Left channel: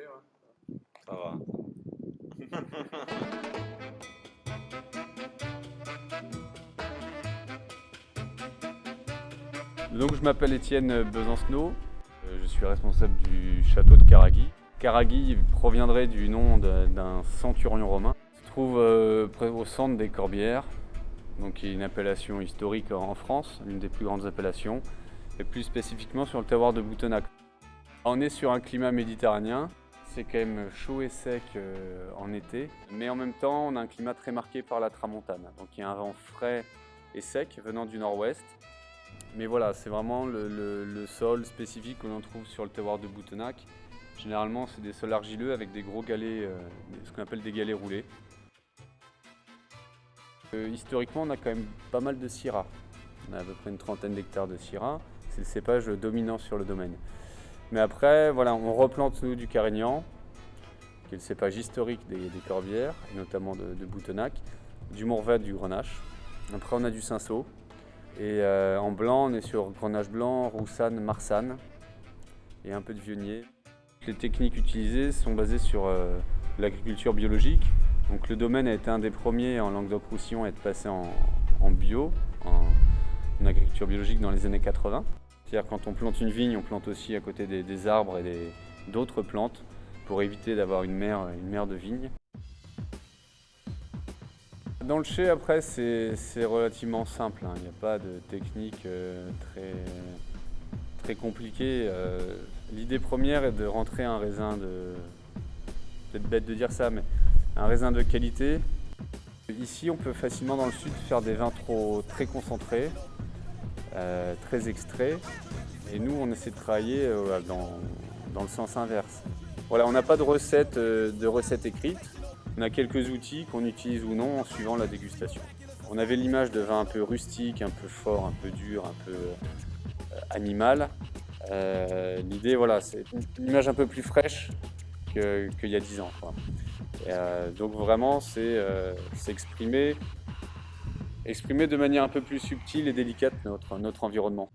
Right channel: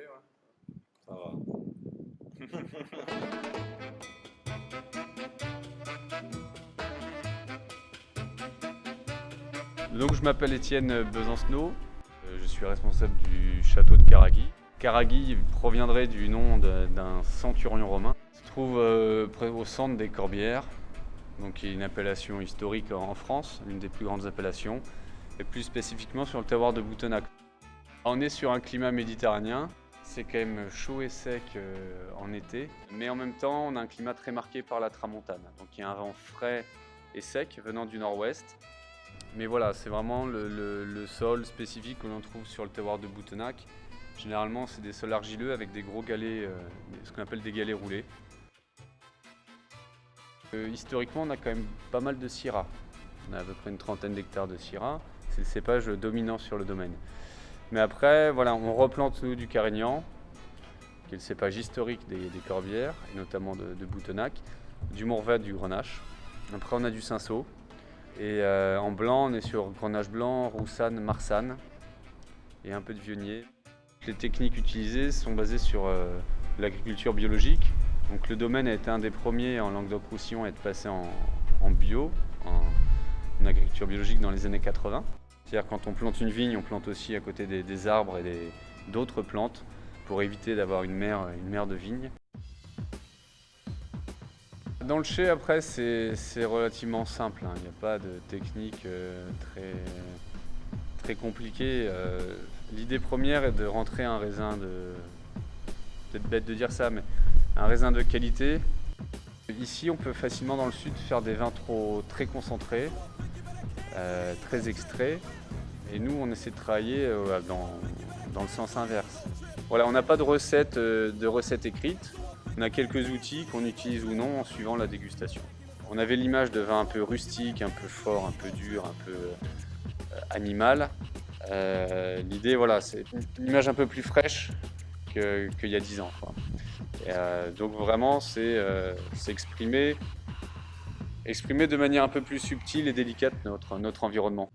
fait, ouais. Ça va. Donc je m'appelle Étienne Besancenot, je suis responsable du château de Caragui. Caragui proviendrait du nom d'un centurion romain. Il se trouve au centre des Corbières, donc qui est une appellation historique en France, l'une des plus grandes appellations, et plus spécifiquement sur le terroir de Boutonacq. On est sur un climat méditerranéen, c'est quand même chaud et sec en été, mais en même temps on a un climat très marqué par la tramontane. Donc il y a un vent frais et sec venant du nord-ouest. Mais voilà, c'est vraiment le sol spécifique que l'on trouve sur le terroir de Boutonacq. Généralement, c'est des sols argileux avec des gros galets, ce qu'on appelle des galets roulés. Historiquement, on a quand même pas mal de syrah. On a à peu près une trentaine d'hectares de syrah. C'est le cépage dominant sur le domaine. Mais après, voilà, on replante nous du carignan, qui est le cépage historique des Corbières, et notamment de Boutonacq, du Mourvèdre, du Grenache. Après, on a du cinsault. Et en blanc, on est sur Grenache blanc, roussanne, marsanne et un peu de vionnier. Les techniques utilisées sont basées sur l'agriculture biologique. Donc le domaine a été un des premiers en Languedoc-Roussillon à être passé en bio, en agriculture biologique dans les années 80. C'est-à-dire quand on plante une vigne, on plante aussi à côté des arbres et d'autres plantes pour éviter d'avoir une mer de vigne. Dans le chai, après, c'est relativement simple, hein. Il n'y a pas de technique très compliquée. L'idée première est de rentrer un raisin peut-être bête de dire ça, mais un raisin de qualité. Ici, on peut facilement dans le sud faire des vins très concentrés, très extraits. Et nous, on essaie de travailler dans le sens inverse. Voilà, on n'a pas de recette écrite. On a quelques outils qu'on utilise ou non en suivant la dégustation. On avait l'image de vin un peu rustique, un peu fort, un peu dur, un peu animal. L'idée, voilà, c'est une image un peu plus fraîche qu'il y a 10 ans, quoi. Donc vraiment, c'est exprimer de manière un peu plus subtile et délicate notre environnement.